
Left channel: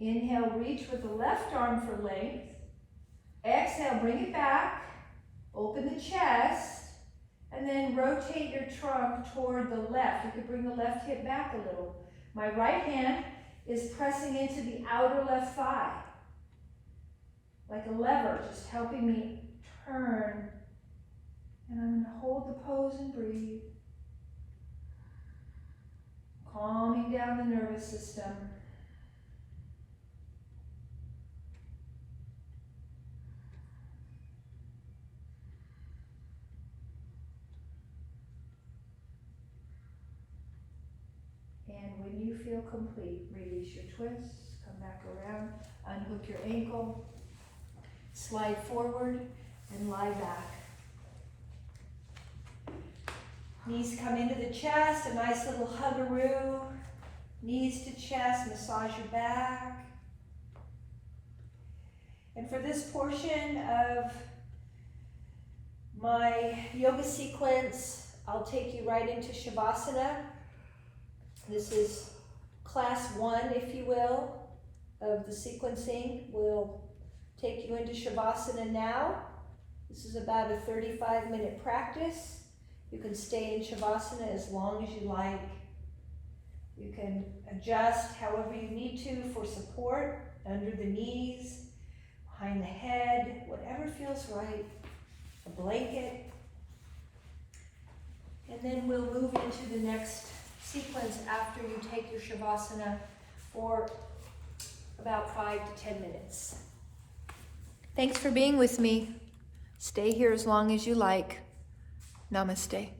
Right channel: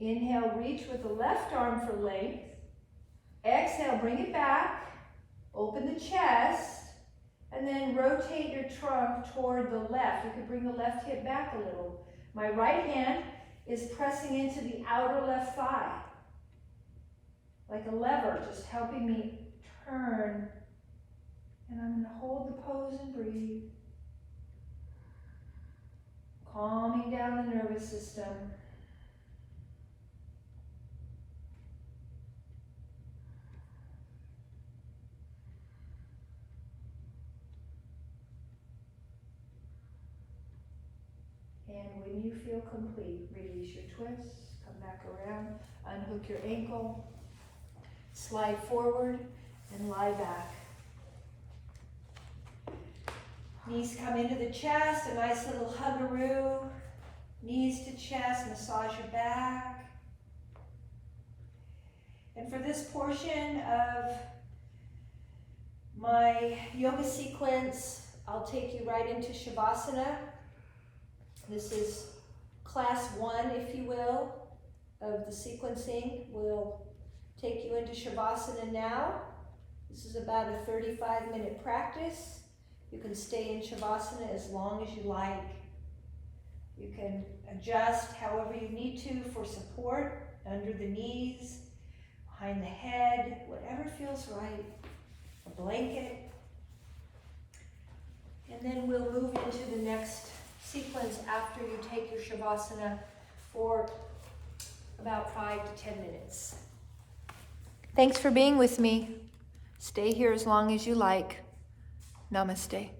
Inhale, reach with the left arm for length. Exhale, bring it back. Open the chest. And then rotate your trunk toward the left. You could bring the left hip back a little. My right hand is pressing into the outer left thigh. Like a lever, just helping me turn. And I'm going to hold the pose and breathe. Calming down the nervous system. And when you feel complete, release your twists, come back around, unhook your ankle, slide forward, and lie back. Knees come into the chest, a nice little huggaroo. Knees to chest, massage your back. And for this portion of my yoga sequence, I'll take you right into Shavasana. This is class 1, if you will, of the sequencing. We'll take you into Shavasana now. This is about a 35-minute practice. You can stay in Shavasana as long as you like. You can adjust however you need to for support, under the knees, behind the head, whatever feels right. A blanket. And then we'll move into the next sequence after you take your Shavasana for about 5 to 10 minutes. Thanks for being with me. Stay here as long as you like. Namaste.